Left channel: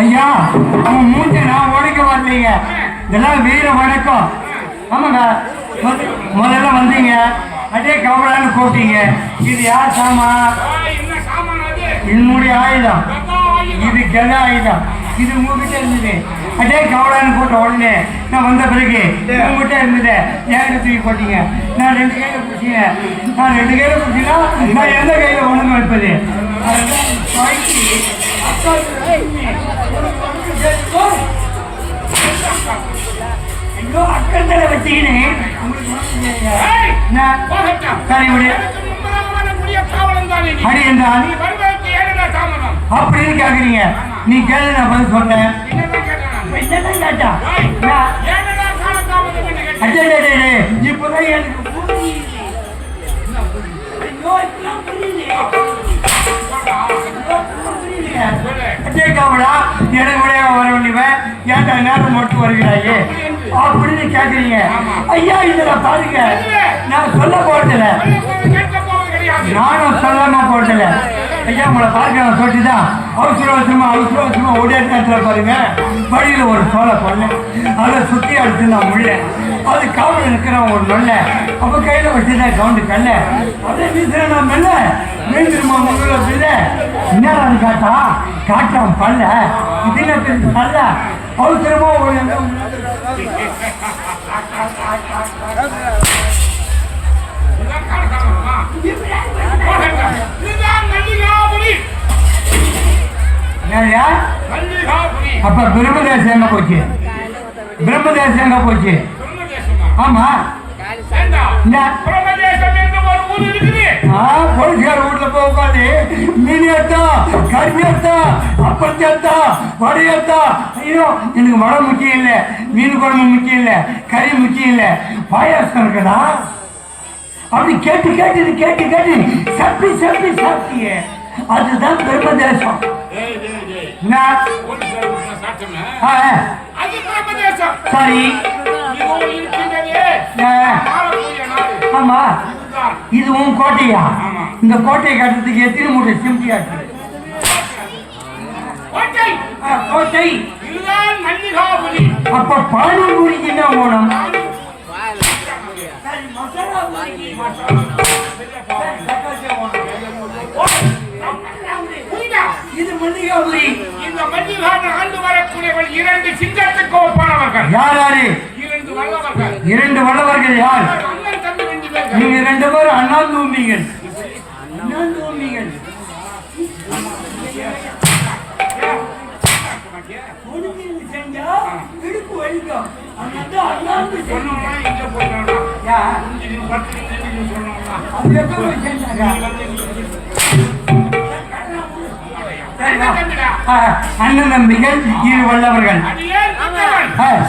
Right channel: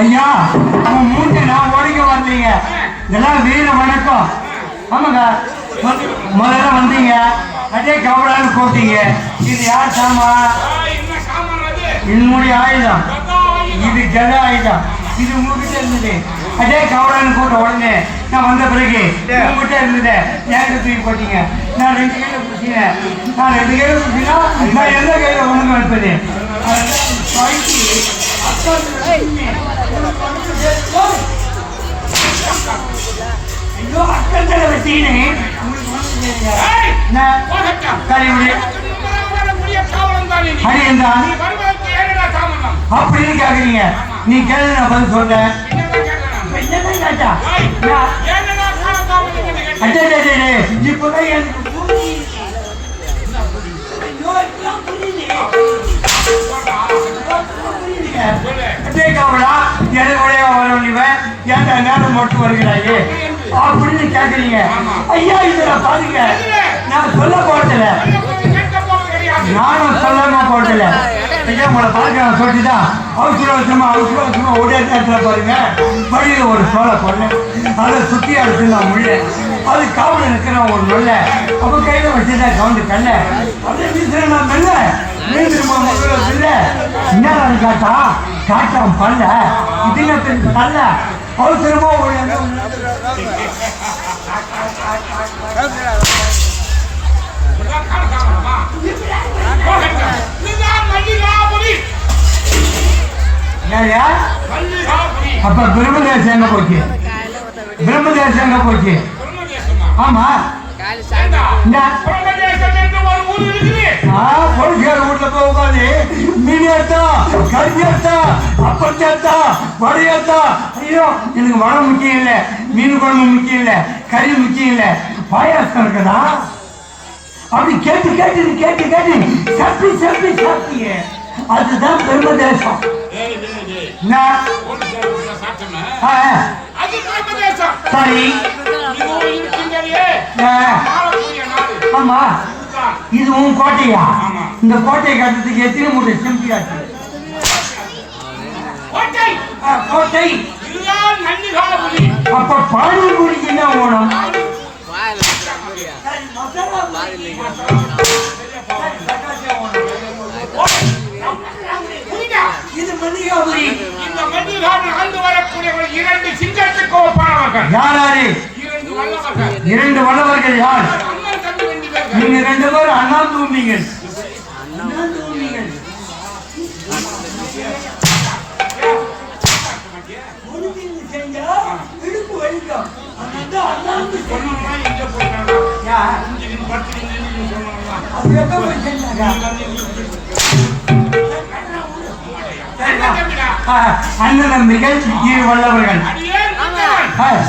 ஐயா மூட்டை நான் உடைக்க வரலீங்க. இதெல்லாம் வீர வணக்கம். ஆமாங்க, முதல்ல வந்தீங்க அதே கவலான்னு போட்டீங்க. இது யார் சாமான்? என்னுடைய ஆயுதம். இது ஜன ஆயுதம். இது உங்ககிட்ட இருந்தது. அதே கவலான்னு போட்ட உடனே நான் வந்த பிறகு உங்ககிட்ட இருந்தது என்கிட்ட தூக்கி போட்டீங்க. நான் 2 கையில பிடிச்சிங்க. நான் 2 கையில பிடிச்சினா நான் எந்த கையில ஒண்ணுங்க வைப்பது? அப்படின்னு கேக்குறீங்க. நீ கேள்வி நான் பதில் சொல்ல நேரம் மட்டும் வருகிறாயே அப்படின்னு கேக்குறீங்க. ஐயா இதுல பாருங்க, நான் சொல்ல போட்டல, நானும் சொல்லாம போட்டல. ஐயா உங்களை பார்க்க சொல்லிட்டுதான் அவசரமா உடைய நேரத்துல பாருங்க வழியில ஒரு சோழ பண்ணேன். அதை சுத்தி அடிச்சு நான் முடியல. அது காவல் இருக்கிறேன் ஒரு நொல்ல. அப்ப கையில வச்சுதான் கவுண்டு கல்ல அதே வீசுறேன். நான் மெல்ல மீண்டுமா முதல்ல பில்ல என்ன காட்டா காட்டாம பல்ல இதுல நல்ல அவசரமா அப்ப பிரம்மதேசம் எங்க போச்சு? பிரம்மதேசம் எங்க போச்சு? ஆமா வீட்டுல போகாது. மீனேத்தா கறியத்தா அப்பத்தேத்தா வடையத்தா. ஐயோ எனக்கு வடை முக்கியம் இல்ல, மீன் குழம்பு முக்கியம் இல்ல, கறி முக்கியம் இல்ல, பாயாசம் இருக்குதா? அப்படி கேட்டு கேட்டு கேட்டு கேட்டு சப்பி சப்பி சாப்பிட்டிய. அதுதான் பிரம்மதேசம். அது பிரம்மதேசம். சரி. இதோ இருக்கின்றதே ஆளக்கூடிய நாடு. ஆமா. இது உன் கோட்டையா? ஆமா. இந்த கோட்டையை கட்டுறதுக்கு எத்தனை மூட்டை சிமெண்ட் ஆச்சு? கோட்டை. கோட்டை. இதுதான் மல்லிகாபுரி. அப்ப பானிபூரிக்கு என்ன வேணும்? இது மல்லிகாபுரி. இந்த மல்லிகாபுரி ஆண்டு வரக்கூடியவர்கள் 2 சிங்கத்துக்கு ஒப்பானவர்கள். யார் யாரு? 2 வல்லவர்கள். 2 வல்லவர்கள் யார்? அண்ணன் தம்பி 2 பேர்கள். நீங்க 2 பேரும் அண்ணா தூம்பிங்கள். அண்ணா தூம்பிங்கள். செஞ்சா இடுப்பு வலிக்கும். அதனால அண்ணா சொன்னா எங்க போயிட்டாங்க? யா இங்க படுத்துக்கிட்டு சொன்னாங்க. அது எப்ப போய் செஞ்சாங்க? அண்ணன் நம்பிகள் 2 வல்லவர்கள்.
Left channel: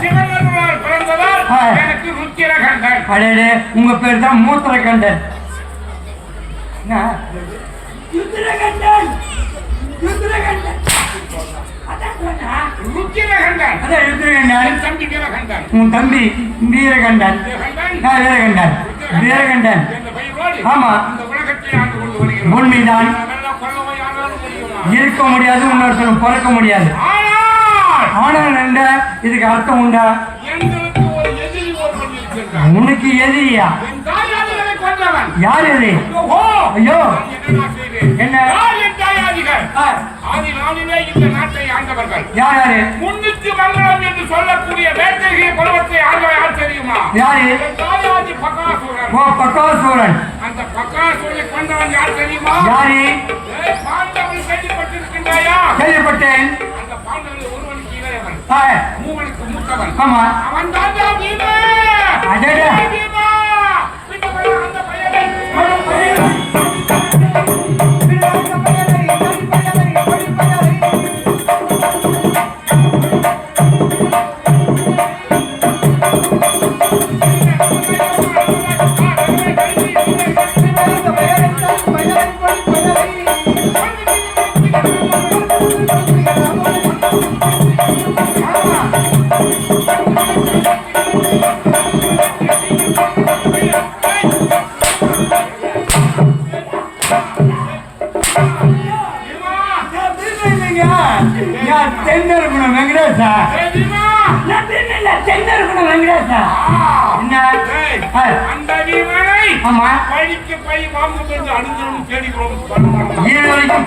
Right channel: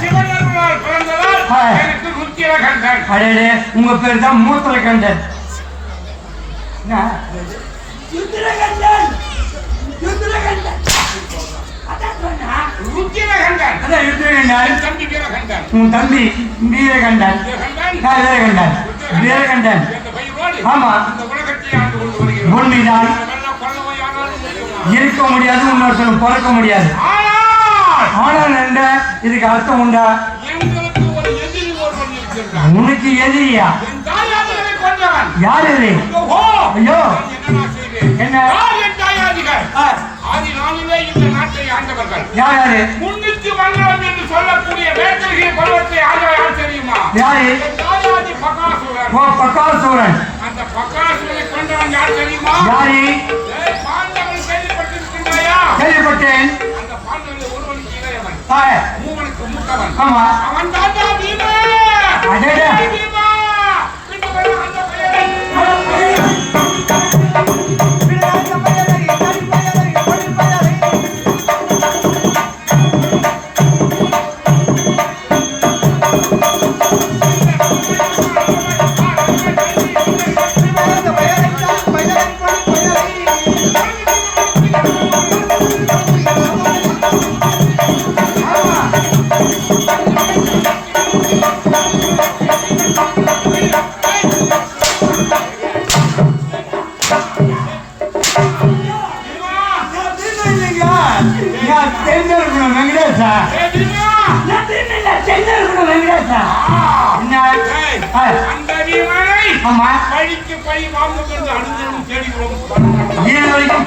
சிவனருளால் பிறந்தவர் எனக்கு ருத்திரகண்டன். அடே உங்க பேர் தான் மூத்திரகண்டன். ருத்திரகண்டன். ருத்திரகண்டன். ருத்திரகண்டன். அதான் ருத்திரகண்டன். தம்பி வீரகண்டன். உன் தம்பி வீரகண்டன். வீரகண்டன். வீரகண்டன். ஆமா. இந்த உலகத்தை ஆண்டு கொண்டு வருகிறோம். உண்மைதான். இருக்க முடியாது, இன்னொருத்தர் பிறக்க முடியாது. ஆனால் என்ன இதுக்கு அர்த்தம் உண்டா? எங்களுக்கு ஒரு எதிரி ஒருவன் இருக்கிறான். உனக்கு எதிரியா? என் தாயாதிகளை கொண்டவன். யார் இது? ஐயோ என்ன செய்வேன்? என்ன? என் தாயாதிகள் ஆதி நாளிலே இந்த நாட்டை ஆண்டவர்கள். யார் யாரு? முன்னிட்டு வந்தவன் என்று சொல்லக்கூடிய வேட்டகிரி பருவத்தை ஆண்டவர் யார் தெரியுமா? யாரு? தாயாதி பகாசுரன். ஓ பகாசுரன். அந்த பகாசுரனை கொண்டவன் யார் தெரியுமா? யாரு? பாண்டவன் கேள்விப்பட்டிருக்கின்றாயா? கேள்விப்பட்டேன். அந்த பாண்டவன் ஒருவனுக்கு இளையவன். மூவனுக்கு மூத்தவன். ஆமா. அவன் தான் பீமா. அடடே. பீமா. இந்த பையன் அந்த பையன்.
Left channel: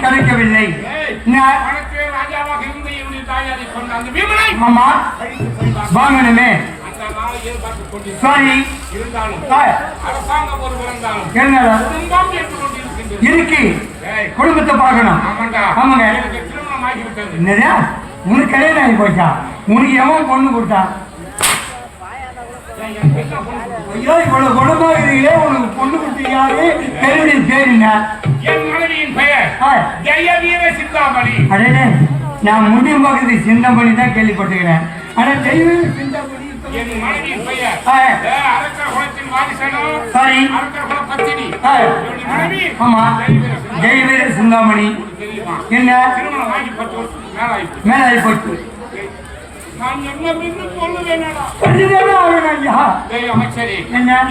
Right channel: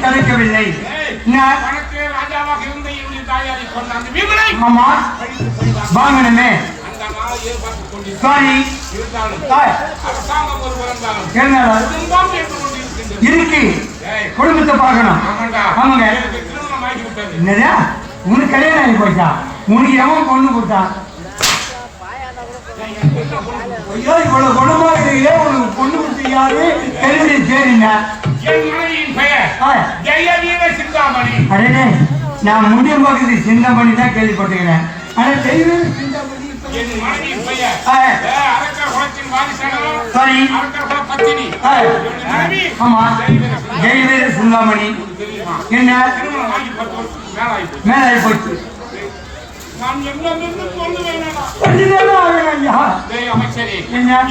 கிடைக்கவில்லை. ராஜாவாக இருந்த என்னுடைய தாயாரை கொண்ட அந்த வீமனை வாங்கணுமே. சரி இருந்தாலும் அரசாங்கம் ஒரு இருந்தாலும் குடும்பம் இருக்கு. குடும்பத்தை பார்க்கணும். ஆமாங்க. திருமணம் ஆகிவிட்டது. என்னதா உனக்கு கல்யாணம் ஆகி போச்சா? உனக்கு எவன் பொண்ணு கொடுத்தா? ஐயோ இவ்வளவு குணமாகிறீங்களே, உங்களுக்கு பொண்ணு கொடுத்து யாரு? கேள்வி பேருங்க. என் மனைவியின் பெயர் ஜெயவீர சிந்தாமணி. அடே நான் முடியும் பகுதி சிந்தாமணி தான் கேள்விப்பட்டுக்கிறேன். ஆனா ஜெயவீர சிந்தாமணி என் மனைவியின் பெயர் அரக்கர் குலத்தின் வாரிசானோ. சரி அரக்கர் குல பத்தினி மனைவி. ஆமா ஜெயவீர சிந்தாமணி. என்ன திருமணம் ஆகி 10 வருஷத்துக்கு மேலாகி போச்சு. நான் என்ன சொல்லுவேன்?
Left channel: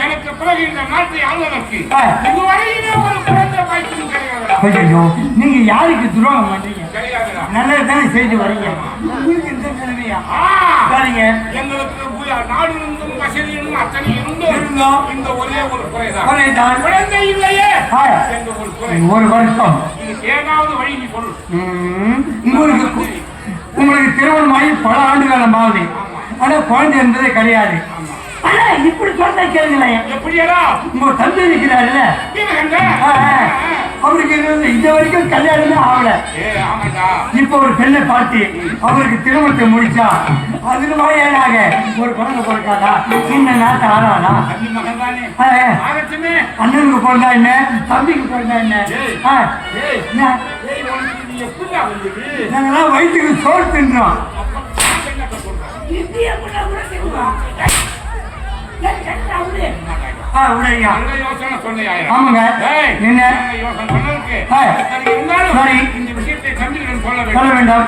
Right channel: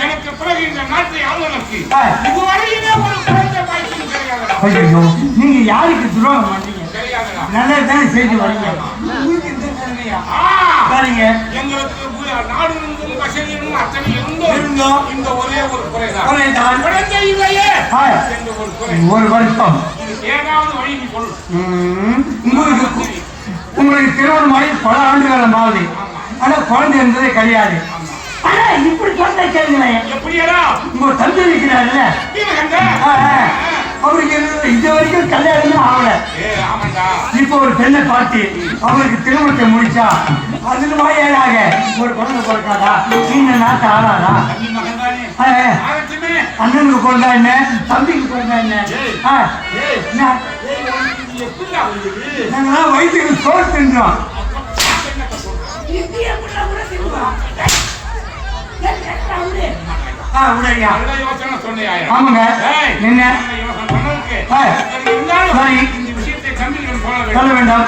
எனக்கு பிறகு இந்த நாட்டை ஆளுநருக்கு இதுவரையிலே ஒரு குழந்தை பாய்ச்சலும் கிடையாது. நீங்க யாருக்கு துரோகம் பண்றீங்க? நல்லதானே செய்து வரீங்க. சரிங்க. எங்களுக்கு நாடு இருந்தும் வசதி இருந்தும் அத்தனை இருந்தோம். இந்த ஒரே ஒரு குறைதான். குழந்தை இல்லையே என்ற ஒரு குறை. ஒரு வருஷம் ஏதாவது வழி பொருள் உங்களுக்கு திருமணமாகி பல ஆண்டுகாலம் ஆகுது. ஆனா குழந்தை இருந்ததே கிடையாது. இப்படி சொன்ன கேளுங்க. எப்படியா உங்க தந்தை இருக்கிறாரு அவருக்கு இந்த வரைக்கும் கல்யாணமே ஆகல. இப்ப ஒரு பெண்ணை பார்த்து அவருக்கு திருமணத்தை முடிச்சா 10 ஏழாக ஒரு குழந்தை பிறக்காதா? சின்ன நாட்டு ஆளாதா? அண்ணனுக்கு பிறந்தா என்ன, தம்பிக்கு பிறந்தா என்ன? நாங்களாம் வயிற்றுக்கு சோறு தின்றோம். ஆமாங்க. என்ன சொல்ல வேண்டாம்.